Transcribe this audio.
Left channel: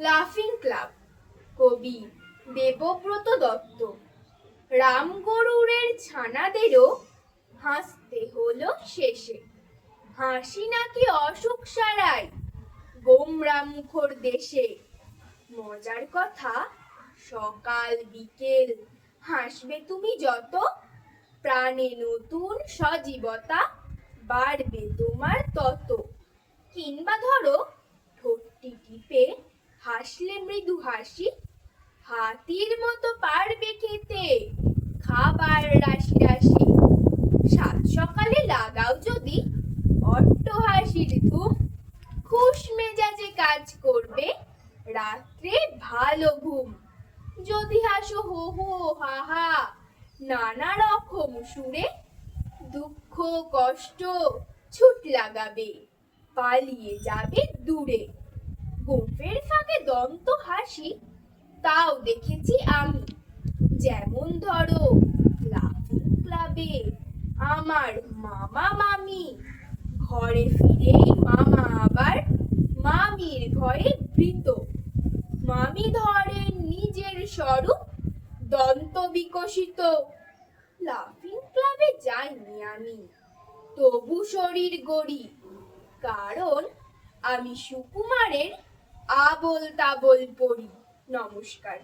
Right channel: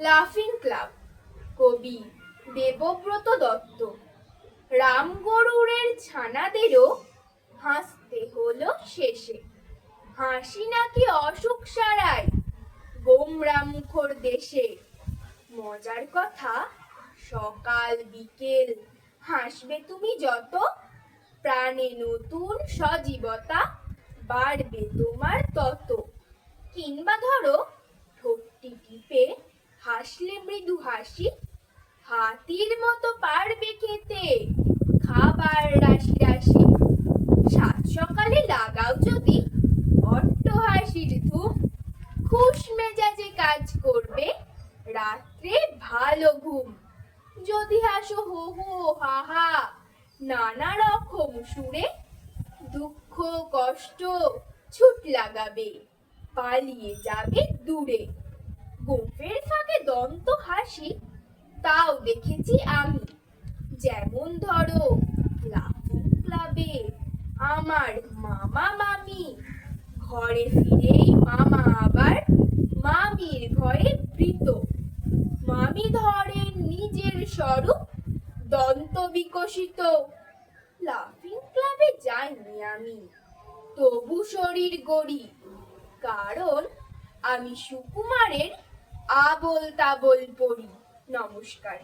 লাফিং ক্লাব, কবি দেবব্রত দত্ত। রামগরুড়ের ছানাদেরও হাসতে হলো শেষে। হাসি নাকি অসুখ সারায় গোমরা মুখর দেশে। মজার কথা, সকাল বিকেল হাসবে তুমি যত, প্রাণে নতুন সজীবতা বাড়বে তোমার তত। কিংবা ধরো, ঠোঁটটি টিপে হাসলে মৃদু হাসি, হাতির মতো পারবে খেতে খাবার রাশি রাশি। সাত সকালে লাগাও যদি অট্টহাসির ধুম, খুশ মেজাজে কাজ করবে রাত্রে ভালো ঘুম। যদি হাসো হো হো হা হা নানা রকম সুরে, দুঃখ কষ্ট ছুট লাগাবে পালিয়ে যাবে দূরে। গোঁফের ফাঁকে দন্ত হাসি তাও দেখেছি আমি, যেমন ধরো লাফিং ক্লাবে আমার মামা মামি। ঘরে ফিরেই মামা আবার মামির ভয়ে ভীত। মামি ধরেন নিজের স্বরূপ দন্ত বিকশিত। লাফিং ক্লাবে যাইনি আমি, তবু শরীর গড়ি, কারণ আমি সুকুমারের আবোল তাবোল পড়ি। নমস্কার।